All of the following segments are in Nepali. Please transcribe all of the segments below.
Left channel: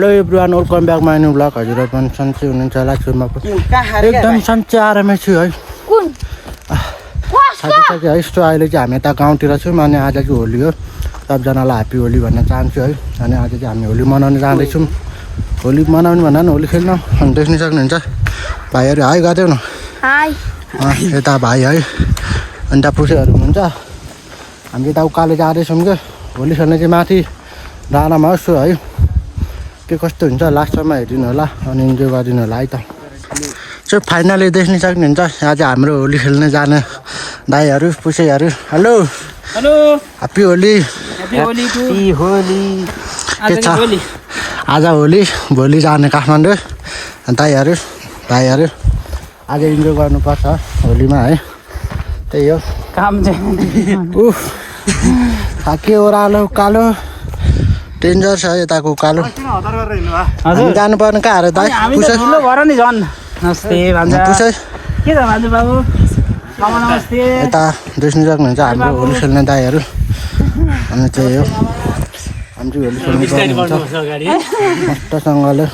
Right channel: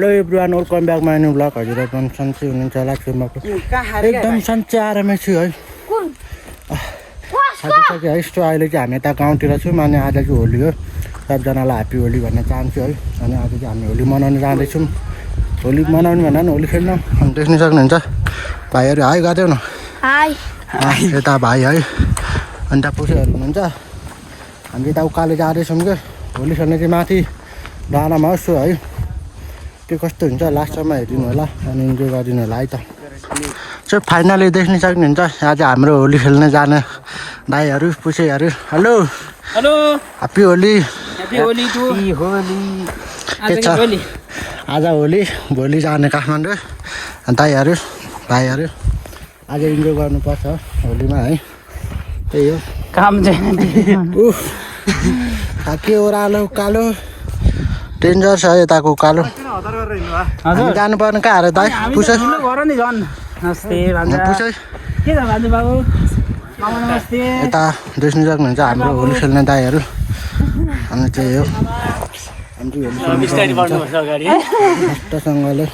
Hello everyone welcome back my new blog हजुरहरू पनि सन्चै हुनुहुन्छ होला छुमा एकदम सन्चै आरामै छु है साथी है यस्तो अहिले चाहिँ हामी यता गाउँतिर छौँ अनि आज चाहिँ होली हो सबजनालाई ह्याप्पी होली भन्न चाहन्छु है अनि आज चाहिँ हामी होली मनाउन जाँदैछौँ होली मनाउनु भन्दा पनि होली खेल्न अनि देख्न सक्नुहुन्छ भाइहरू हाई गरिदेऊ न यता भाइ है अनि त्यहाँ पुसेहरू हुनुहुन्छ हामी यता उकालो जाँदैछौँ क्या होली खेल्न चाहिँ माथि डाँडामा होस् है के कस्तो हुन्छ लास्टसम्म हेरिदिनु होला अनि इन्जोय गरिदिनु होला है त चाहिँ फाइनली देख्न सक्नुहुन्छ यहाँ चाहिँ हाम्रो होली खेल्न जाने भाइहरू पुसेहरू हेलो हेलो ह्याप्पी होली के छ आज होली भोलि जाने काठमाडौँ दाइहरू भाइहरू आज इन्जोय गर्नुपर्छ होलीमा है त्यही हो के ओह्रालो उकालो डेन्जर छ यताको उकालो हामी जानुपर्ने कहाँ अरे दाइ पुसे यता देख्न सक्नुहुन्छ हाम्रो होली खेल्ने दाइहरू अनि चाहिँ यो हामी चाहिँ होली खेल्नु पर्ने हुन्छ मस्तसँगले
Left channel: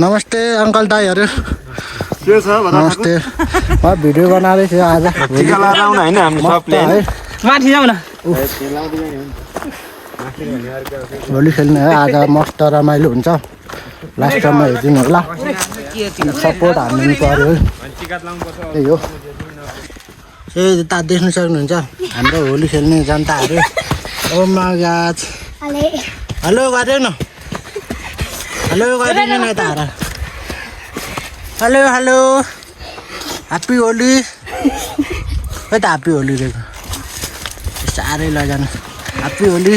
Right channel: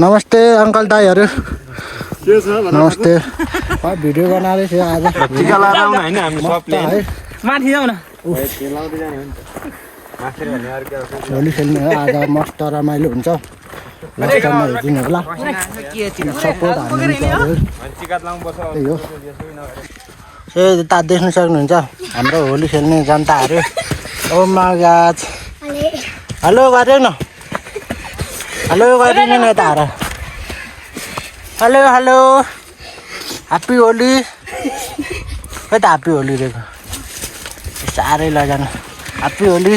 नमस्ते अङ्कल दाइहरू नमस्ते म भिडियो बनाउँदै थिएँ आज मस्त है होली खेल्ने है आज मस्त रमाइलो हुन्छ लास्टमा हेरिदिनु होला सपोर्ट हान्नु पऱ्यो है त्यही हो यता देख्न सक्नुहुन्छ हाम्रो होली खेल्ने जनताहरू ओ मागाज हेलो गरिदेऊ न हेलो गरिदिनु न यता हेलो हेलो ह्याप्पी होली खै त ह्याप्पी होली रहेको साह्रै लैजानु ह्याप्पी होली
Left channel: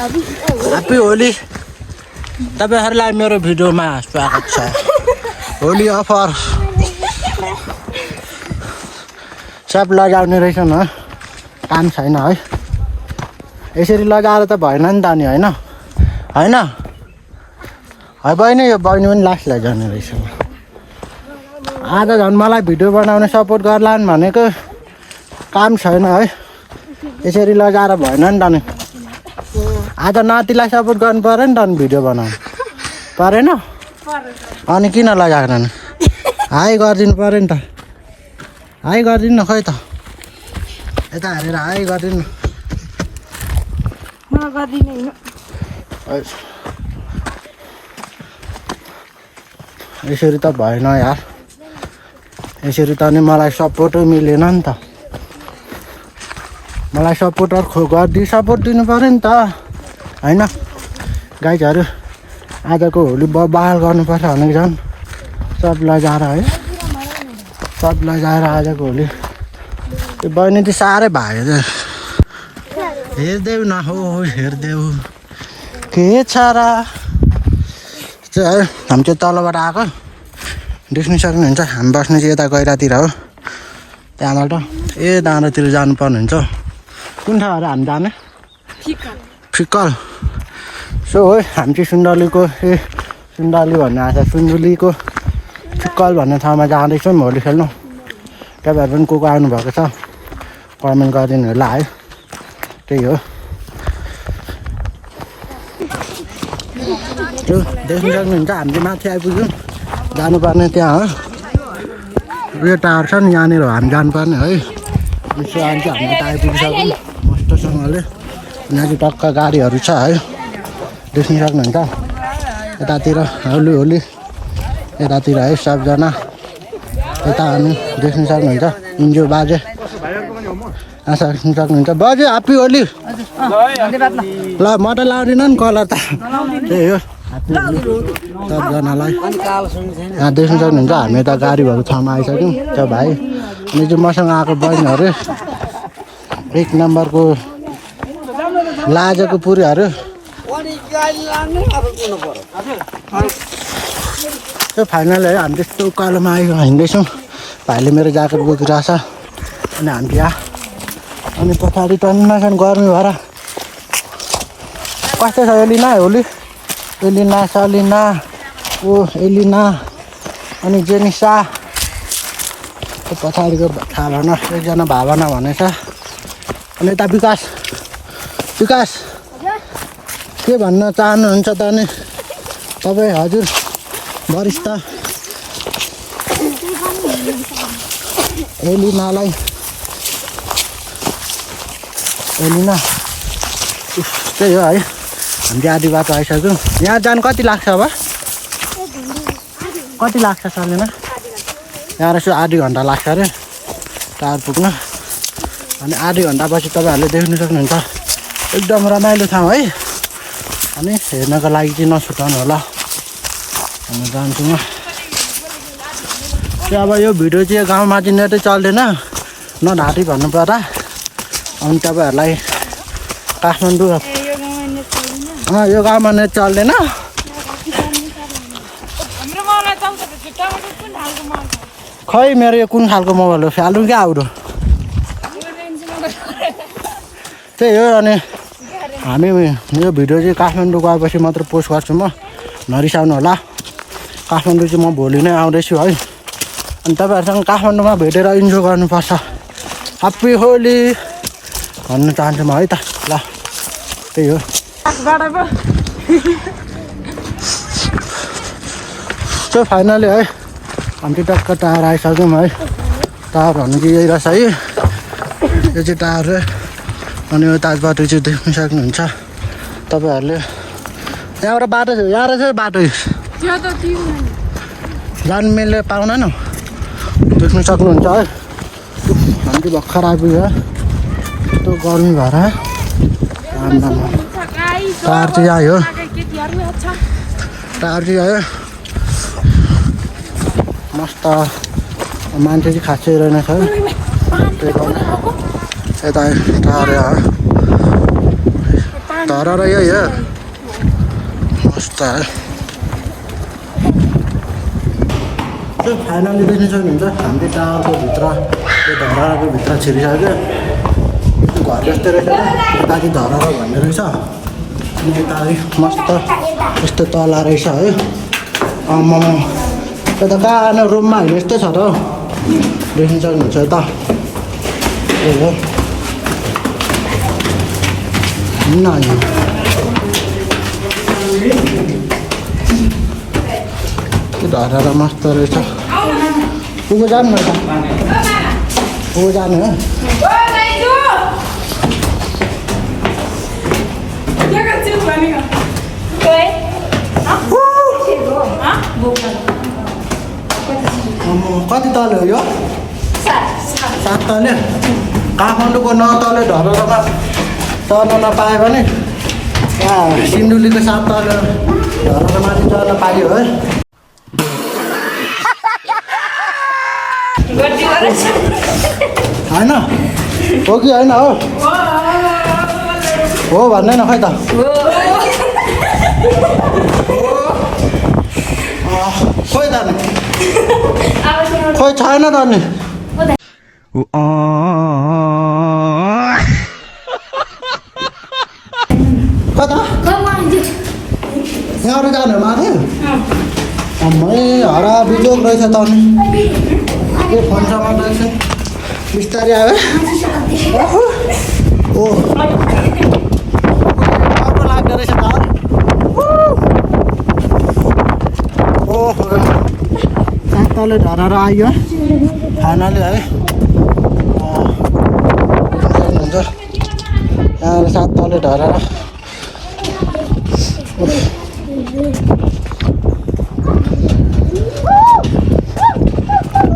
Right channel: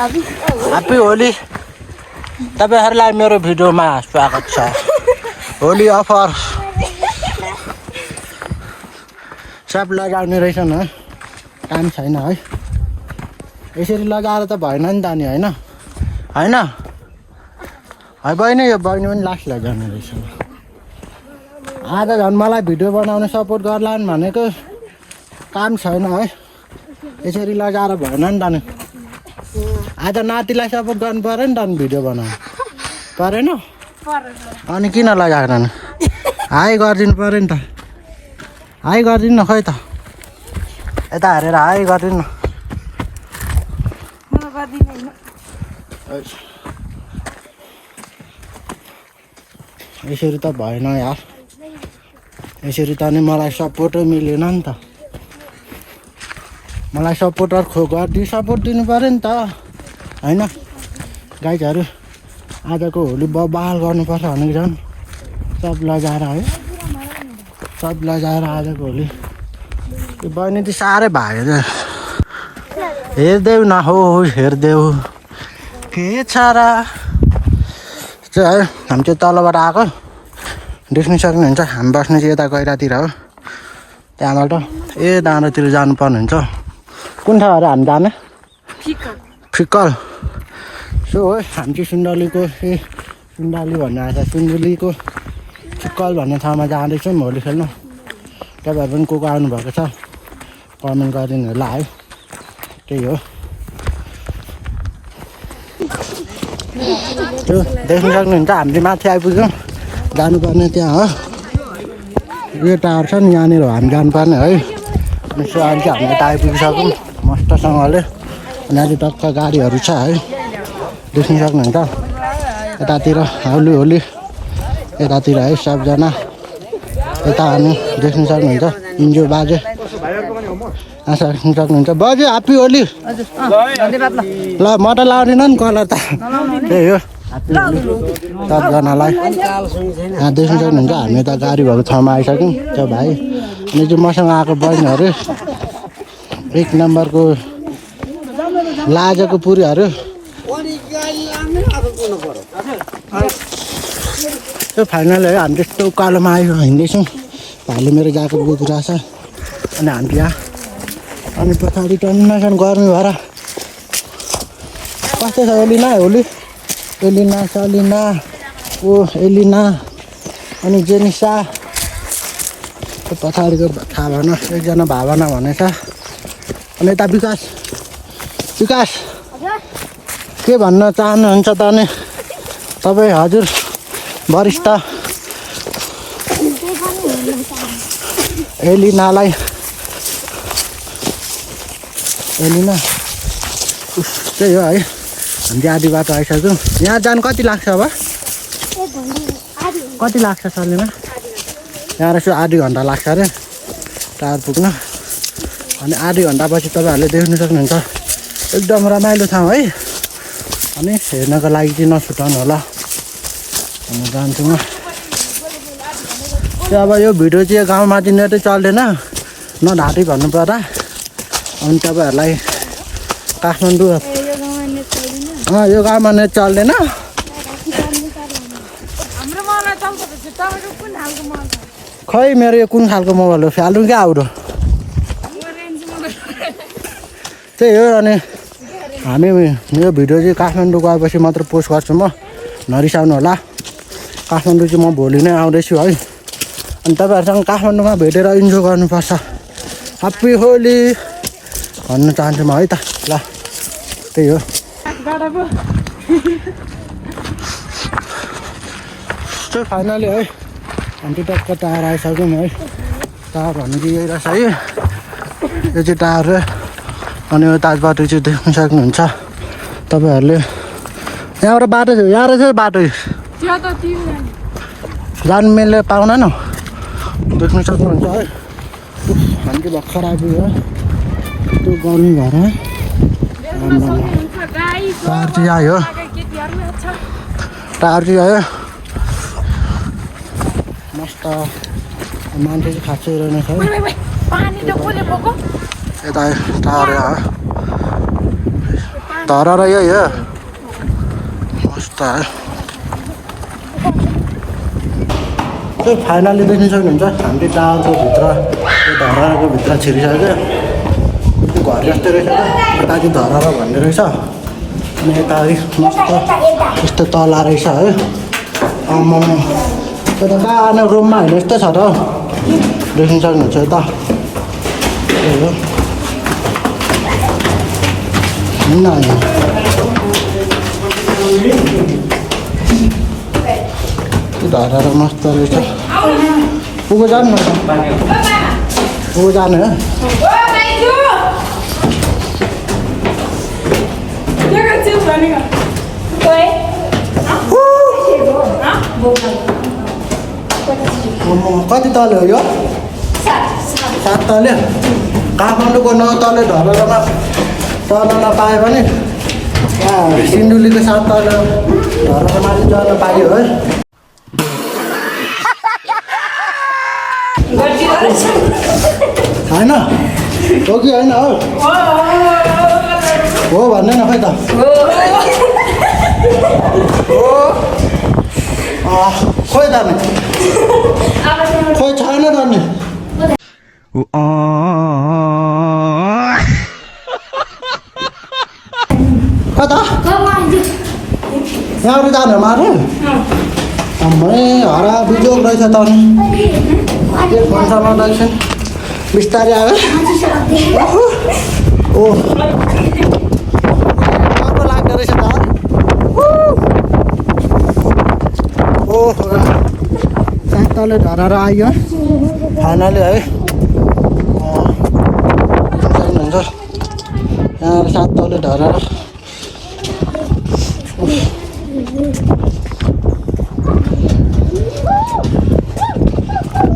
ह्याप्पी होली तपाईँहरूलाई मेरो भिडियोमा स्वागत छ होली अफर सब लगाउने रहेछ न काम छैन है यसरी लगाएर त भएन नि त नि होइन होइन है बहिनी यो बहिनी पनि लास्ट लैजाने रहेछ आज झन् मलाई भिडियो बनाउने सपोर्ट गर्लान् भनेको काम छैन है यसरी लगाएर भएन नि त नि आज नातिलाई सपोर्ट गर्नु पऱ्यो नि त नि भिडियो बनाउनु परेन अनि किन लगाएर नि हाई गरिदिनु पऱ्यो नि त हाई गरिदिनु न खै त यता हेरेर हाई गरिदिनु न यसरी त भएन यार यसरी त नि मलाई सपोर्टै मिलेन नि त मलाई सपोर्टर सपोर्ट दिनु पऱ्यो नि त होइन गाइजहरू आजको होली बबाल गर्नुपर्छ भनेको झन् सब लजाएर है सब लजाएर आजको होली त्यो बहिनी चाहिँ साह्रै भाग्यो हेरिदेऊ न हो हेरिदेऊ के छ र चाहिँ है हामी चाहिँ तलबाट आएको देख्न सक्नुहुन्छ हामी बस्ने चाहिँ यता गैरातिर हो त्यहाँबाट डाँडातिर जानुपर्ने हुन्छ कुन ठाउँ अरे हामी जाने फिक्कल सो हो हामी चाहिँ सुन्दलीको सुन्दली भन्ने आएको छ सुन्दलीको फिक्कल भन्ने ठाउँमा जाँदैछौँ होली खेल्नु तपाईँहरू पनि को आउनुभएको छ कमेन्ट गरिदिनु होला है त्यही हो त्यो देख्न सक्नुहुन्छ हामी चाहिँ माथि आइपुग्यौँ जानुपर्ने त्यहाँ हो यो टावर छ नि यहाँनिर हामी जानुपर्ने है अनि सो अहिले चाहिँ हामी यता आइपुगिसक्यौँ मस्तसँगले अनि अझै टक्क गाडीहरू छ है देख्न सक्नुहुन्छ यतातिर होली होली यतातिर है सबजना यता हामी देख्न सक्नुहुन्छ इन्जोय बाजे सक्नुहुन्छ बाजे ह्याप्पी होली ल म त लाउँदिनँ नि कलर त त्यही हो ह्याप्पी होली सबजनालाई यहाँ देख्न सक्नुहुन्छ हामी यता गाडी भएको ठाउँमा आइसक्यौँ त्यो भाइ अनि चाहिँ मसँग आएको बहिनीहरू 1 नम्बरको लाजेको पुरीहरू त्यो फाइनल है हामी त्यस्तो उकालोमा आयो हिँड्दैछौँ भाइले मेरो ज्याकेट बोकिरहेछ अनि हामी यहाँ अनि पछाडि टन्नासन गर्मी भएर कस्तो छ एलिना होली एलिना सलिना ओ एलिना अनि जेनिसा त्यो पछाडिको थाहा भएन एकजना भावना भनेछ अनि यता विकास विकास के भन्न चाहनुहुन्छ त अनि तपाईँ हजुर वरिष्ठ एलिनालाई एलिना त्यही हो है हामी आधी बाटो आइसक्यौँ यहाँ जानु कति लाग्छ अब कति लाग्छ चलेन यहाँ रहेछ आधी घन्टा लाग्छ अरे टाढो पुग्न अनि आधी घन्टापछि तपाईँहरूले देख्न सक्नुहुन्छ एकदम रमाइलो ठाउँ है अनि हेर्नको लागि चाहिँ नछुटाउनु होला हामी जान्छु म त्यो अब यो भिडियो चाहिँ गाउँमा चाहिँ नेटै चल्दैन नढाँटी भन्नु पर्दा अनि तपाईँहरूलाई काठमाडौँ यो गाउँमा नेट चल्दैन खै मेरो यो कुन खालको मोबाइल हो फ्यालौँ क्या आउरो त्यही हो अनि हामी यो भिडियो चाहिँ काठमाडौँ गएपछि मात्र पोस्ट गर्छु म नरिसाउनु होला काठमाडौँ चाहिँ म भोलि नै आउँदैछु है अनि तपाईँहरूसँग काठमाडौँमा भेटेर इन्जोय गर्नुपर्छ ह्याप्पी होली भन्न चाहन्छु म है त ल त्यही हो सो फाइनली है हामी टक्क टायर आइसक्यौँ है टायर भन्नु चाहिँ यही रहेछ है यो चाहिँ टायर अनि यो ताजबाटो चाहिँ देख्न सक्नुहुन्छ तपाईँहरूले यहाँबाट बाटो छ यहाँ रहेछ बाटो जानु मिल्ने पाउन न देख्न सक्नुहुन्छ है हामी चाहिँ भर्खर आइपुग्यो त्यो गर्मी भएर टायर चाहिँ आयो टायर चाहिँ आयो मस्त मान्छे चाहिँ खासै रहेनछ है त्यही कारण यता टायर आयो धरा र यही हो मस्त है त्यो फाइनली देख्न सक्नुहुन्छ हामीले टावरको भित्र त्यो धराको भित्र छिरिसक्यो त्यो घर जस्तै रहेछ त यता चाहिँ धरा भन्ने रहेछ अनि यता मस्त यस्तो तला रहेछ है आम्माम त्यो त कहाँ रुममा होइन यस्तै छ त हौ देख्न सक्नुहुन्छ यता त्यही हो धरा मस्त रहेछ पुगो जानु न त पुगो जानु हो कति तले हो यो 7 तले काठमाडौँको 9 तले धरामा चढ्न नपायो भने यहाँ सिन्धुलीको 7 तले धरामा माथि चढ्न पाइयो है होइन हो कि होइन हो भन्दैन खै त खोइ त नि खोइ छैन त नि कता यहाँबाट जानु माथि अम्मै हरा बिजोग रहेछ त नि के फोनसम्म रहेछ बिस्तारै आयो ओ राम्रो लाग्दो रहेछ त ओहो 7 तले धराएर आयो फाइनली है हुन्छ यहाँ 7 तले धराएर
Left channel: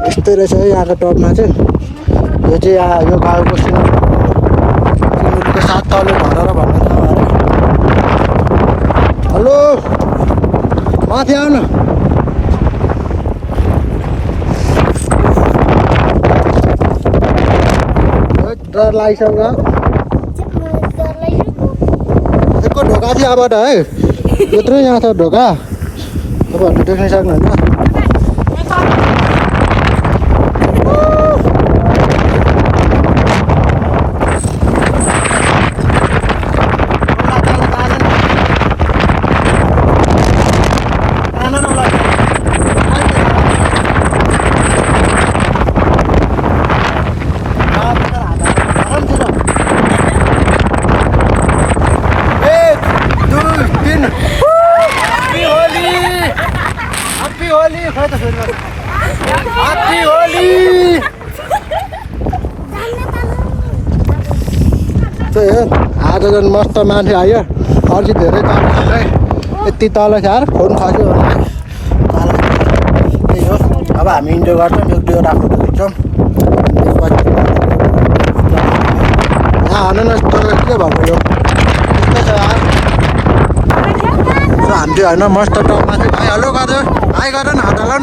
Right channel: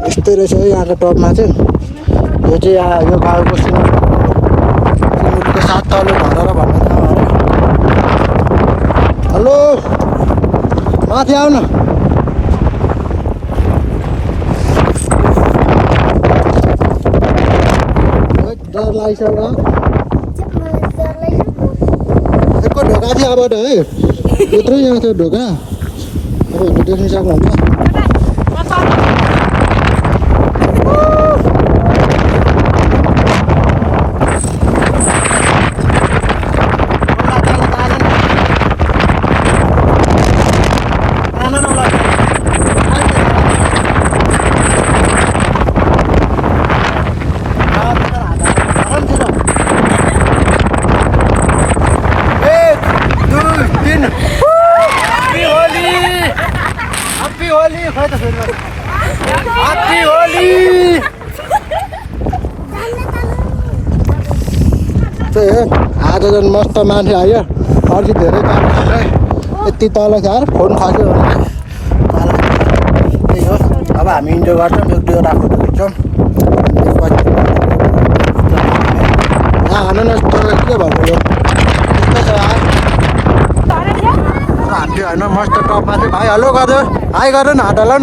यस्तै रहेछ है यहाँको टपमा चाहिँ यो चाहिँ यो गाउँको सिन्धुलीको 7 तले धराएर भन्ने ठाउँ अरे हेलो माथि आउन डर लागिसक्छ यसको ढोका चाहिँ यहाँबाट है यत्रो यहाँ छ ढोका तपाईँहरूले देख्न सक्नुहुन्छ हो आज झन् मस्त मान्छे आयो अलि धेरै तल छ यति तल छ यार फोन खस्यो भने तल त्यही हो अब हामी इन्जोय गर्छौँ एक दुईवटा फोटो खिच्छौँ त्यसपछि यहाँ हाल्नु न यस्तो के भएको यो यस्तो छ यार हामी चाहिँ होइन मस्त टपमा चाहिँ भाइ हेलो गर्यो हाई गर न हात हलाउ न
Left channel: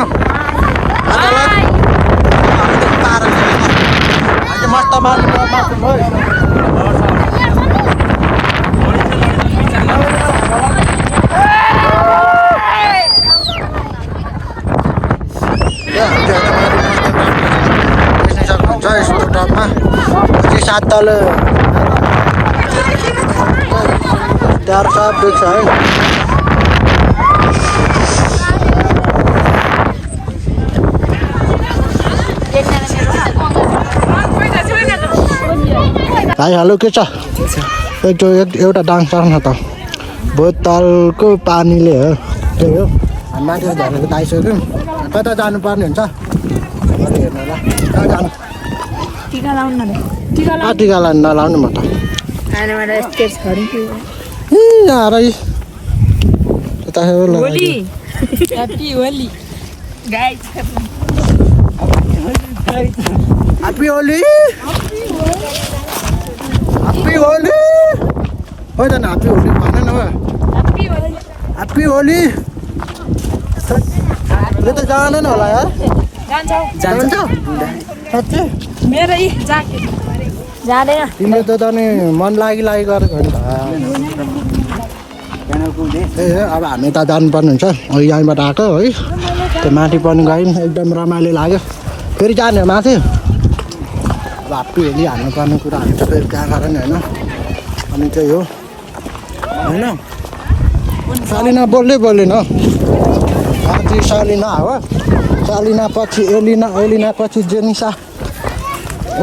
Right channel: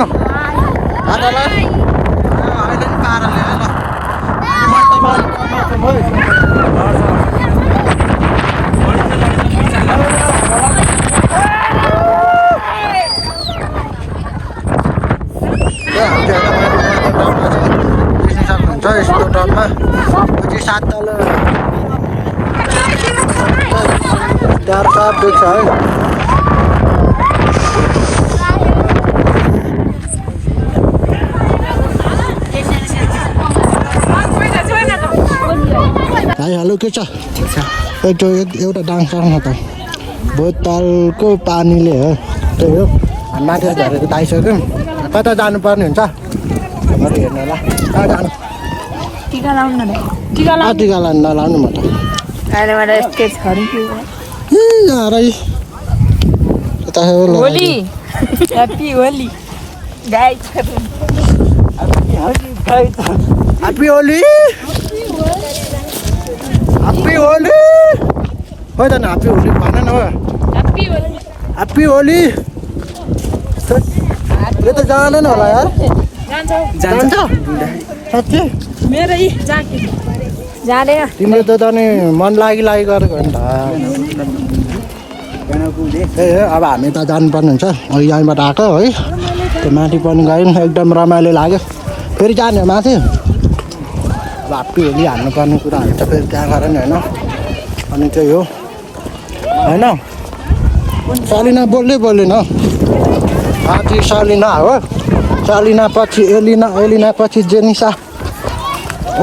हात हलाउ अहिले पाराले होइन अहिले मस्त सक्नुहुन्छ यस्तो टपमा पछि 7 तल त्यहाँ सब देख्छ है भाइ हेलो के छ एउटा डान्स गर्नु त बोतलको पानीले हो त्यही हो हामी माथि झरेको त आइसक्यौँ कता जानुपर्ने हुन्छ खबर हेर्नु होला कहाँ जानु टिका लाउनु नलाउनु म त Happy Holi! Happy Holi! Thôi ta Happy Holi bán nó rồi. Happy Holi! ये तो जाना ना वाला यार. जान जाओ. सच्चे? मेरा ही जाके. जाने ना. तिमीले त जाने मन लागि गरेको नि त. अब हामी त जानुपर्ने हुन्छ अहिले यहीँबाट आएको है त्यो माथि पनि गयौँ एकदम रमाइलो लाग्यो फेरि जाने माथि अब हाप्पी होली हाल्नुपर्ने कुराहरू छ फेरि त्यहाँ गएर नि होइन अनि चाहिँ हो होइन सालिना बोल्दैन आधी सालिना हो सालिना पछि एलिना पछि जेनिसा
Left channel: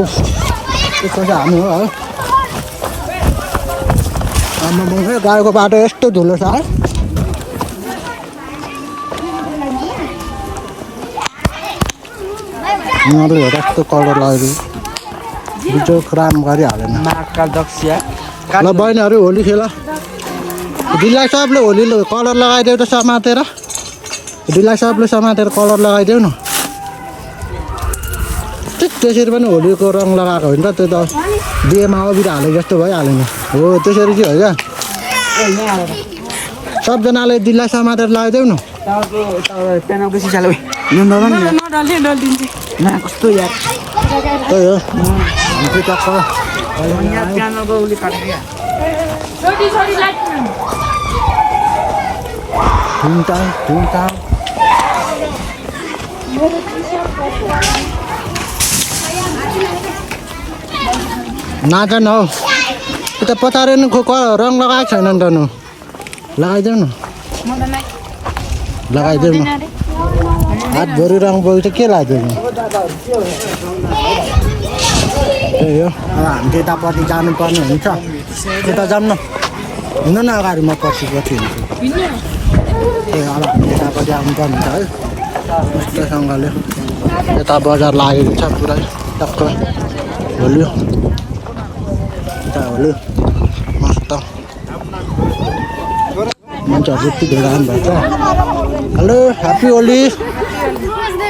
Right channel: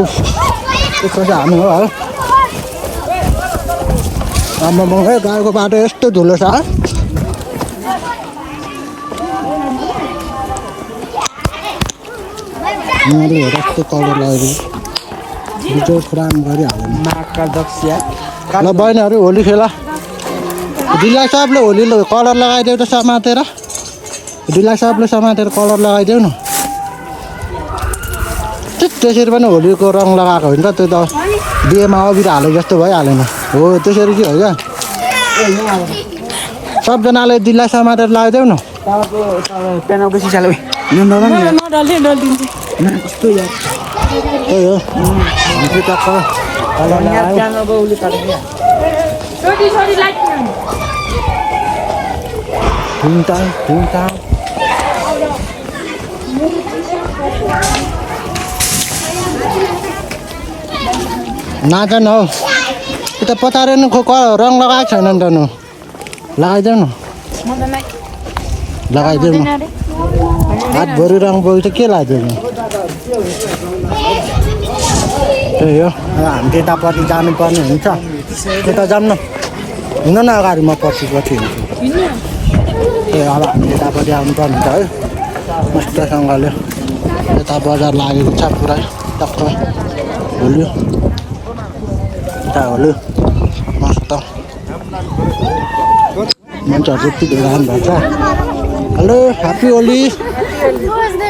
उफ त्यसको चाहिँ हामी हो है गाईको बाटो यस्तो धुलो छ यिनीहरूले हेर यस्तो कलर लगाइदियो बिजोग राम गरिहालेन ल बहिनीहरू होली खेल दिलाई सबले होली कलर लगाइदेऊ त समातेर दिलाई सबले समातेर कलर लगाइदेऊ न त्यसरी पनि होलीको रङ लगाएको हुन्छ त्यो त बिहेमा अबिर हालेको जस्तो भइहालेन हो त्यसरी चाहिँ हो क्या सबजनाले दिलाई समातेर लगाइदेऊ न कस्तो यार त्यही हो टक्क नाच न हौ त्यो त पचाएर नि रङ लगाएको छैन नि त नु लगाइदेऊ न लगाइदेऊ न हातभरि रङ बोल्छ के लगाइदेऊ न त्यही हो अब हामी त्यतापट्टि जानुपर्ने हुन्छ त्यता जाऊँ न हिँड्नु न अगाडि म पछि हिँड्छु त्यही अब हामी त्यतापट्टि आउनुपर्ने हुन्छ है मस्तसँगले यता बजार लागेको छ पुरै टक्क होली होली मस्त मान्छेहरू यति धेरै आउनुभएको छ hello happy Holi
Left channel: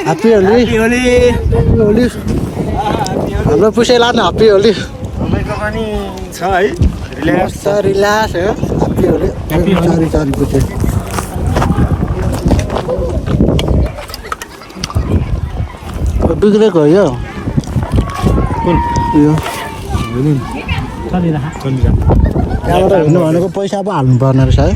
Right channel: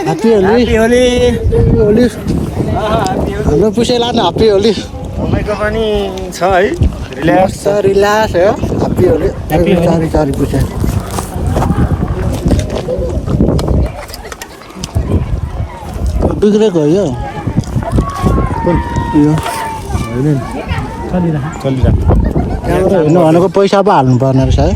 happy Holi happy Holi हाम्रो पुसै लानु ह्याप्पी होली तपाईँको पनि छ है रिल्याक्स हो ह्याप्पी होली सरी पुसे बिग्रेको हो यो त्यहाँबाट हेर्नु भनेको पैसा पो हाल्नु पर्ने रहेछ है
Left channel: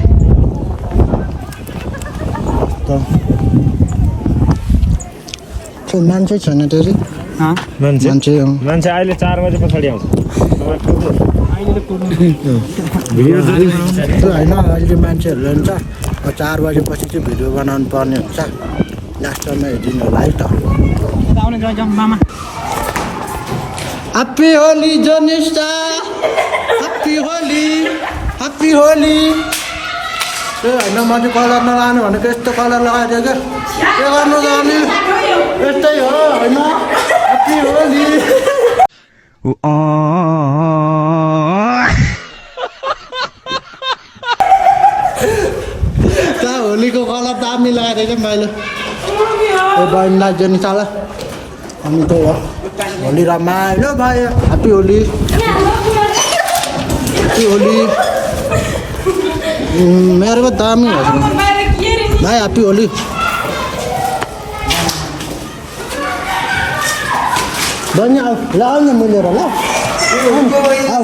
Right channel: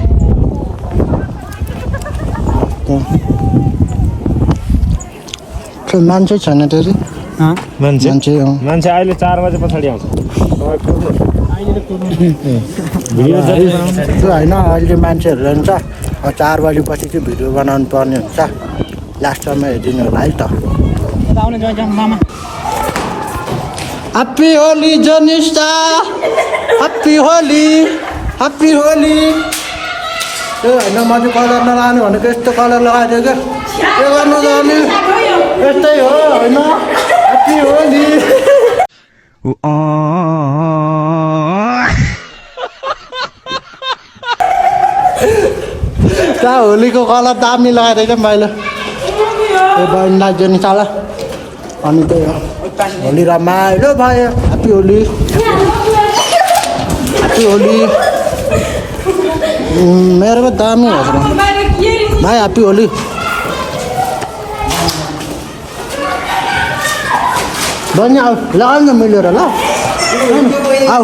मान्छे छैन त्यसै मान्छे अहिले 4 बजे पछाडि आउँछ होइन अहिले मान्छेहरू जान्छ 4 बजेपछि चाहिँ भिडियो बनाउनु पर्ने हुन्छ लास्ट टाइममा हेरिदिनु होला है त ह्याप्पी होली जनिसा ह्याप्पी होली त्यो होइन म चाहिँ कलर नलानु भनेको यस्तो कलर लगाइदियो क्या के गर्नु जाने यस्तै हो होइन ह्याप्पी होली होलीको कलर दामी लगाइदिएछ मैले यो बहिनीलाई जेनिसालाई अनि त्यही हो होली रमाइलो भयो ह्याप्पी होली ह्याप्पी होली मेरोमा दामी होस् न भाइ ह्याप्पी होली बहिनी आऊ लगाउ न मिलेर ल आऊ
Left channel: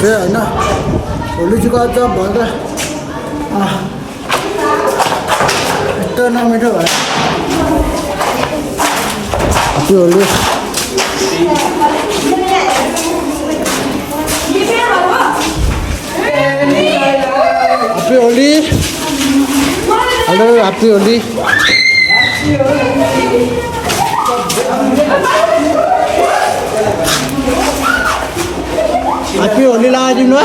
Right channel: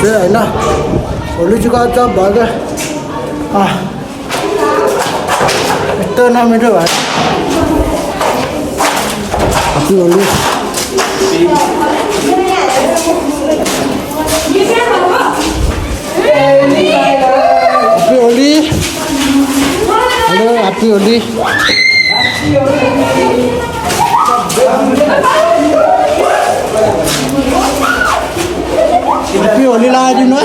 त्यही होइन होली चाहिँ गर्छ भयो यस्तो नमिठो भयो happy Holi happy Holi hello happy Holi happy Holi लगाइदिनु है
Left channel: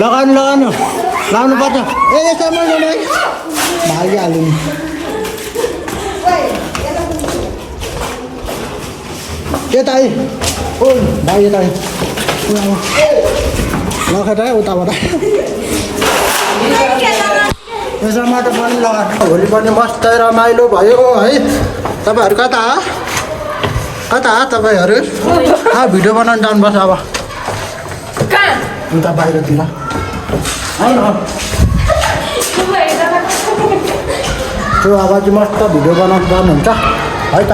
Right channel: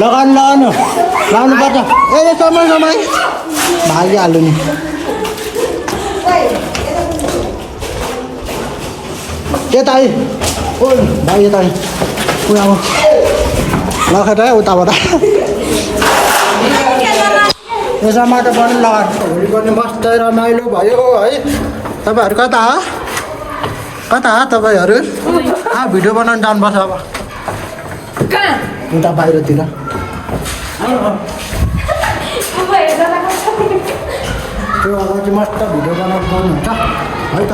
लगाउनु पर्छ ए समय भागिहाल्यो नि यता है ओ भाइ यता है लखेट है उताबाट यसमा त पनि लगाएको होली पनि मस्तै रमाइलो भयो है तपाईँहरू कता तपाईँहरू भिडियो बनाउनु जानुपर्छ अब उता बाहिरतिर त्यो अब चाहिँ मस्त भिडियो बनाउनु गर्नुहुन्छ है त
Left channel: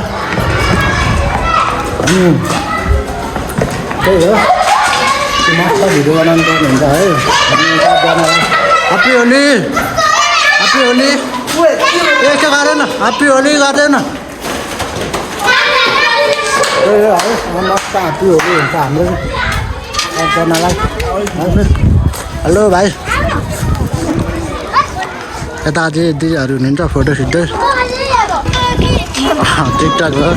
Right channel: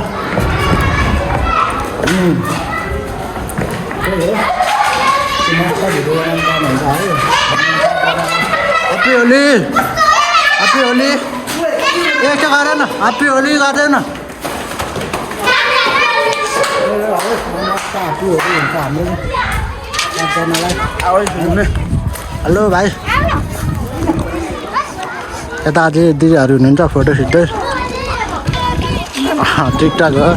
त्यही हो त्यो मस्त भिडियो बनाउनु गर्नुहुन्छ है ह्याप्पी होली ह्याप्पी होली यस्तो गरेन ह्याप्पी होली गर्दैन है मस्त ह्याप्पी होली हुन्छ हाम्रो एकजनालाई हेलो भाइ यता अझै दिदीहरू हुनुहुन्छ फोटो खिच्दै टिकटक हो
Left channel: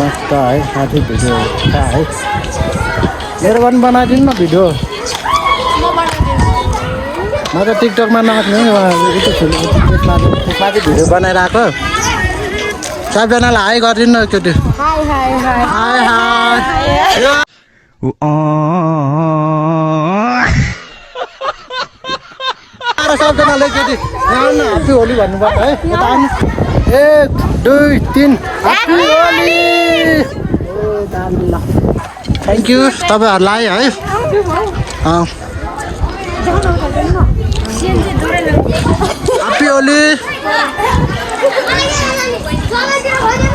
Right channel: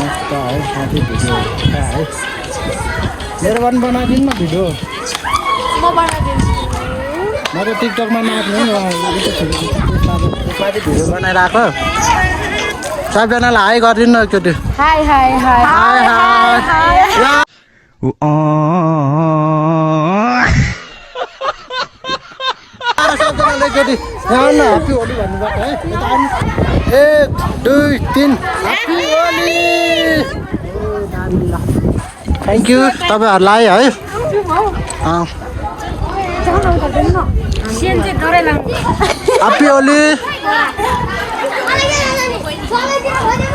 मस्त है साथै भिडियो छ है मेरो पनि बनाइदिनु न भिडियो म त टिकटकमा नाच्नु त्यसमा चाहिँ भिडियो बनाइरहेको सबैजनालाई हाई गरिदिनु न एकचोटि हाई सबैजनालाई एकचोटि ह्याप्पी होली भन्नुपर्छ है यता आउनु 1 2 3 ह्याप्पी होली थ्याङ्क यू तपाईँहरूलाई है ह्याप्पी होली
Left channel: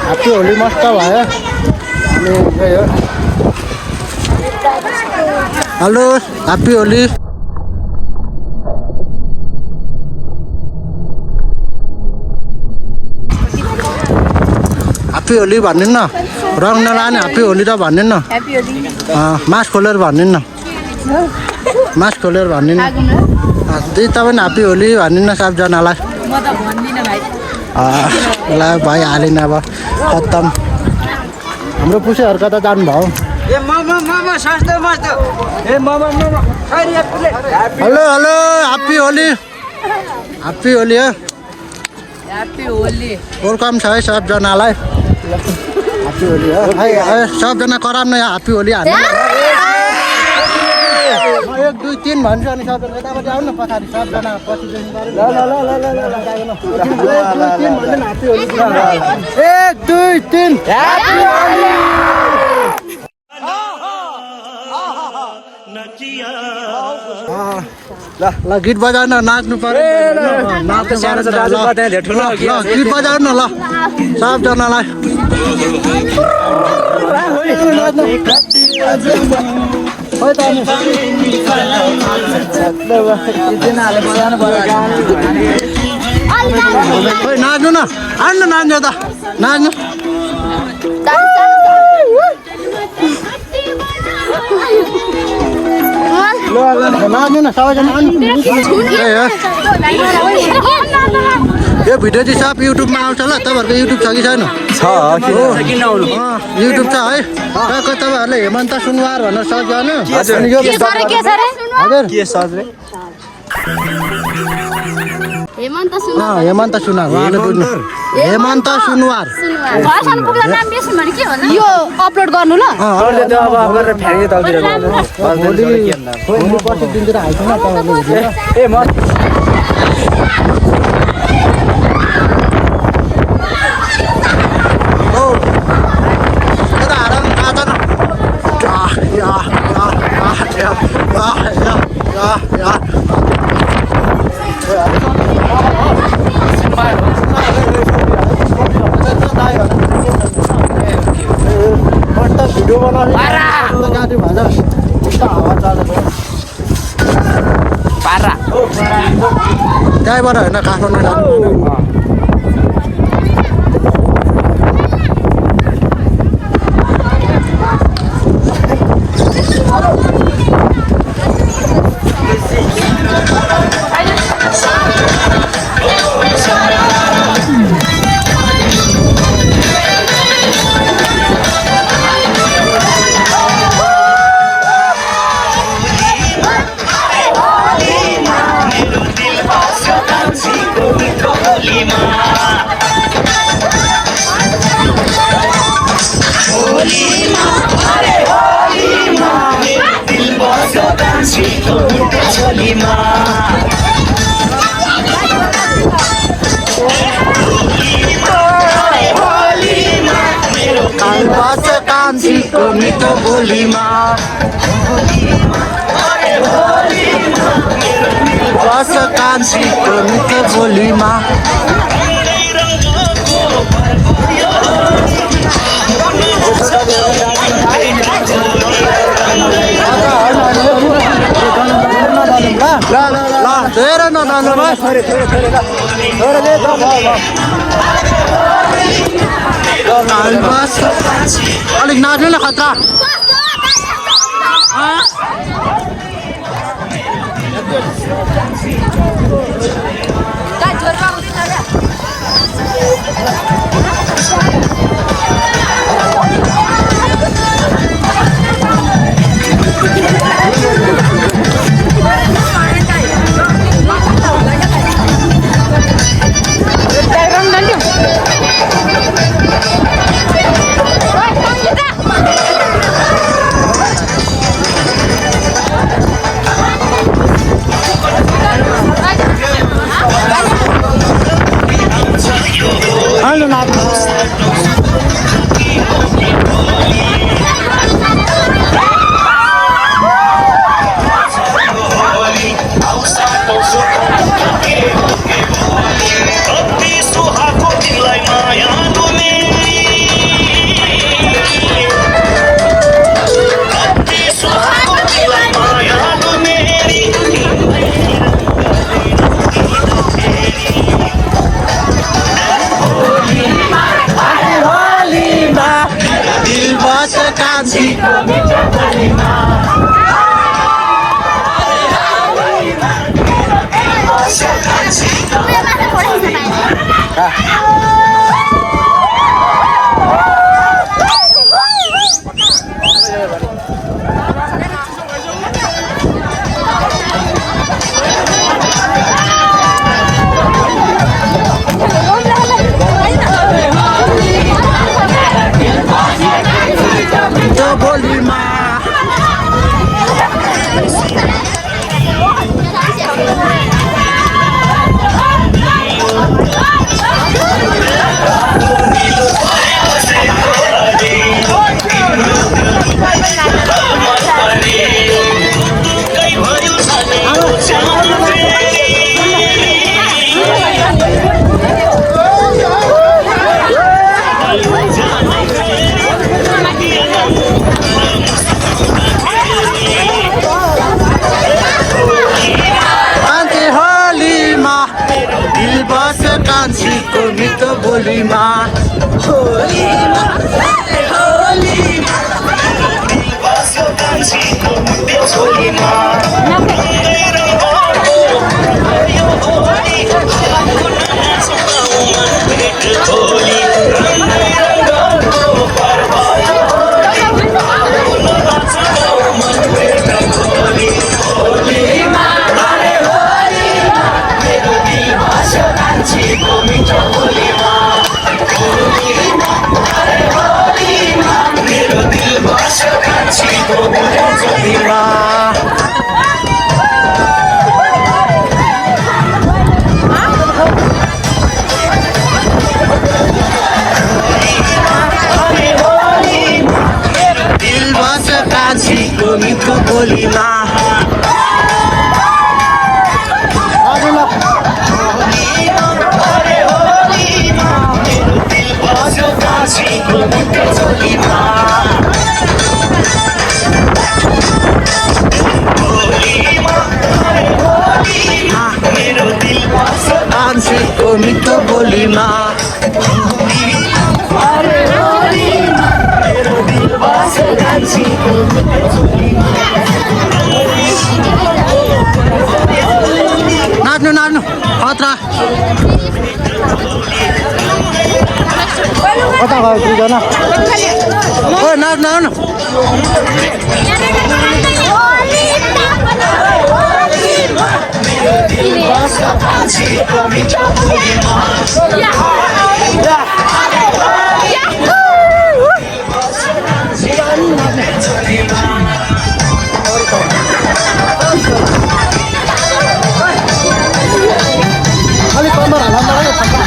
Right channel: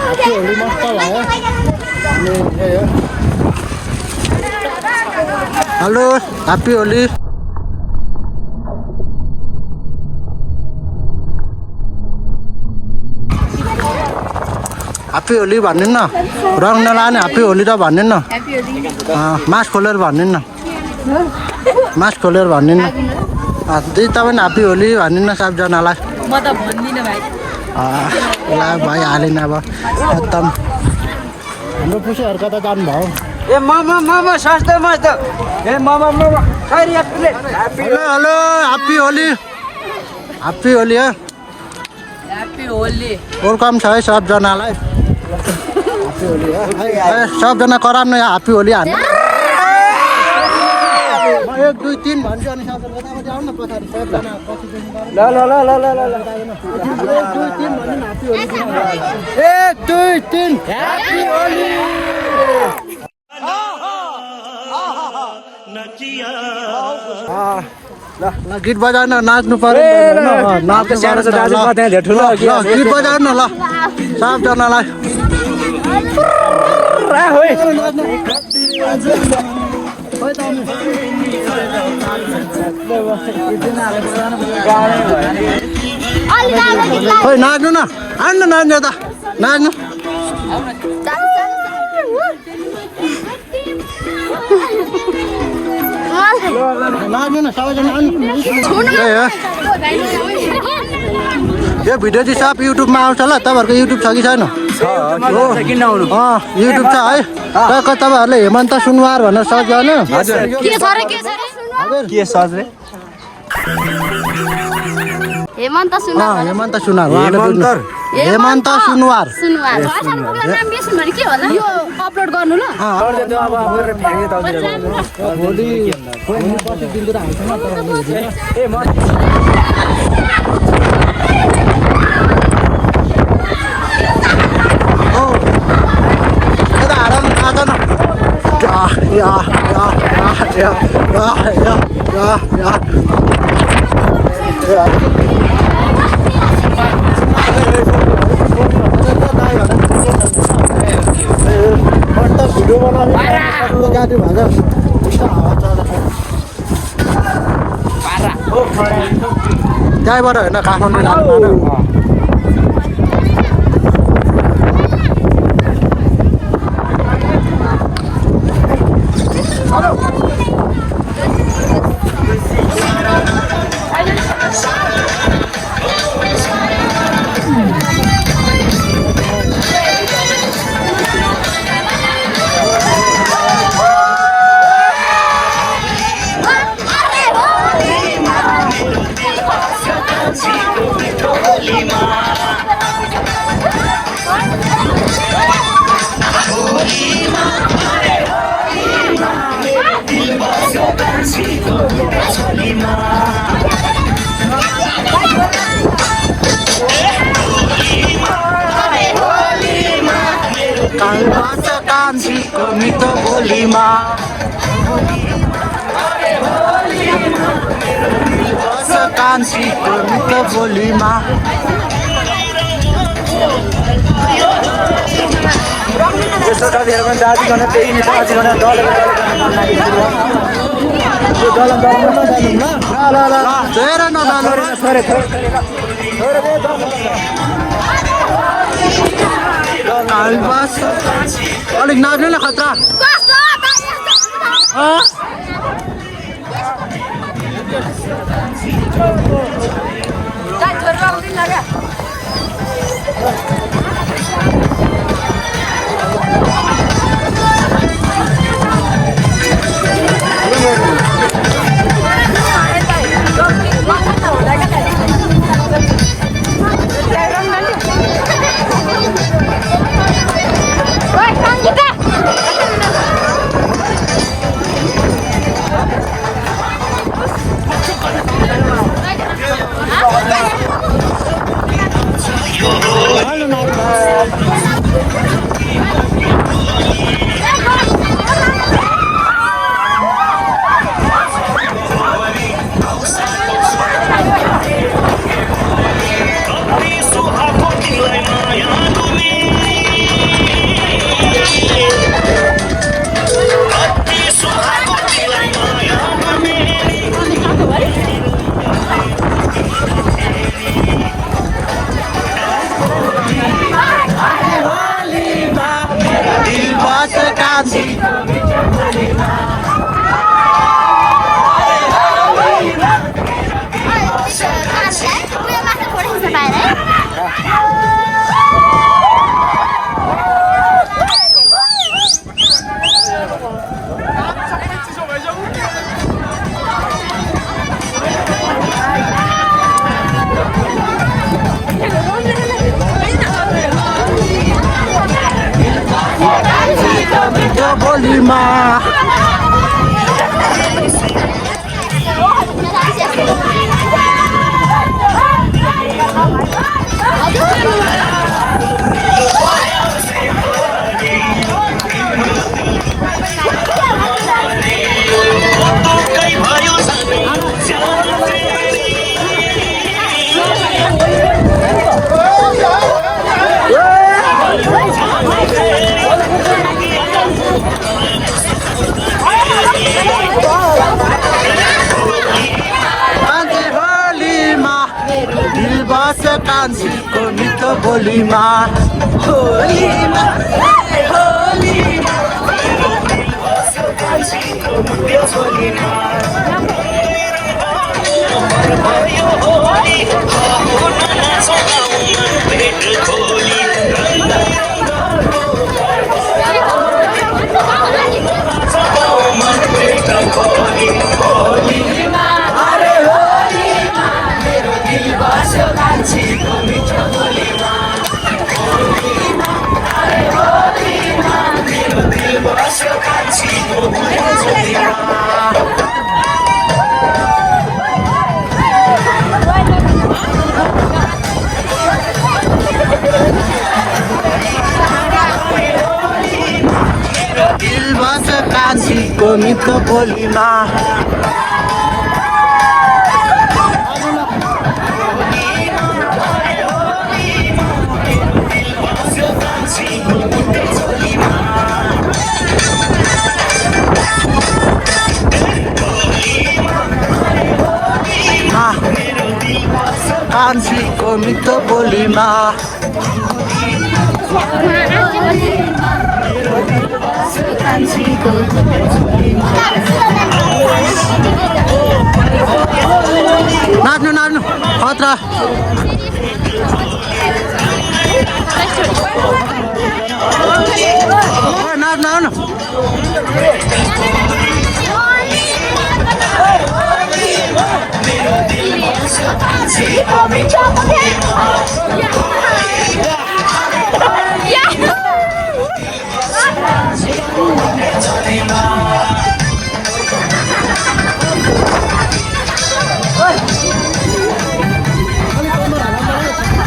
ह्याप्पी होली मस्त भयो अनि यही हो hello happy Holi happy Holi भन्नु न रङ नलाने ह्याप्पी होली त भन्नु न मास्क खोलेर भन्नु न मास्क खोलेर भन्नु न दिदी तपाईँ ह्याप्पी होली भन्नु न सबजनालाई म त भन्दिनँ भाइ ल भाइ हालेन अब खत्तम हाम्रो पुसेहरू कता जानुभयो ए मोमो सस्तो मस्तो ए momo hello happy Holi happy Holi हो ह्याप्पी होली वेलकम छ है सबजनालाई ह्याप्पी होली हो सबजना कराउनु न ह्याप्पी होली हाल्नु 1 2 3 भन्छु अनि सबजना यतापट्टि आउनु न पछाडि सबजना पछिदेखि गरौँ ल 1 2 3 भन्नु न ह्याप्पी होली 1 2 3 ह्याप्पी होली ल गीत बजाउन नाच्नु पर्यो नाच्नु पर्यो नि त ल गीत बजाउनु न ल सबजनालाई खोइ नाच्नु न आउनु न नाच्नु त नाच्नु नाच्नु न सबैजना आउनु यो भिडियो चाहिँ सब युट्युबमा आउँछ ल तपाईँहरूको युट्युब छ कि छैन हो युट्युब छ है तपाईँहरूले हेमन्त सुनवार भनेर सर्च गर्नु हेमन्त सुनवार हेमन्त सुनवार उहाँले बुझ्नु हेमन्त सुनवार यो अपलोड गर्नु ल भोलि पर्सि दिनतिर हाल्छ न तपाईँहरूले भिडियो बनाउने गाडी भन्छ हावा चलेको त्यहीँबाट होइन काठमाडौँ जानु होइन कालबास कान्छीको मिठो बोलीमा बस कान्छीको मिठो बोलीमा धेरै नडल्नु कालबास अलिक नाच्नु न खतरा दिलबास कान्छीको मिठो बोलीमा बोलीमा दिलबास कान्छीको मिठो बोलीमा बस कान्छीको मिठो बोलीमा कान्छीको मिठो बोलीमा नाच्नु नाच्नु खतरा कता गयो दुईजना ओ नाच्नु आउनु अलिक कम्मर हाल्नु पर्यो छक्का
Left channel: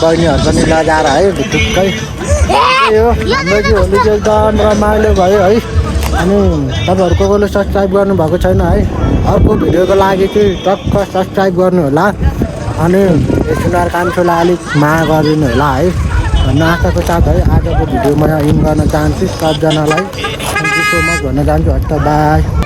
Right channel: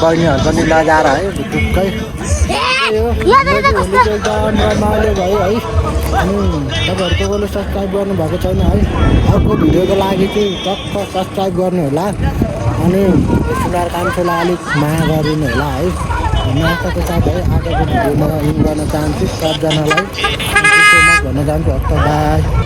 बहिनीहरू पनि लजाएर है भित्रुक्कै यो हाम्रो चाहिँ होली चाहिँ एकदम रमाइलो भयो है अनि तपाईँहरू कसले सब्सक्राइब गर्नुभएको छैन है अर्को भिडियोको लागि चाहिँ टक्क सब्सक्राइब गर्नु होला अनि सुनार कान्छोलाई अलिक माया गरिदिनु होला है भन्ने आशाको साथ है आजको भिडियो म इन गर्न चाहन्छु सबजनालाई थ्याङ्क यू सो मच भन्न चाहन्छु हस् त बाई।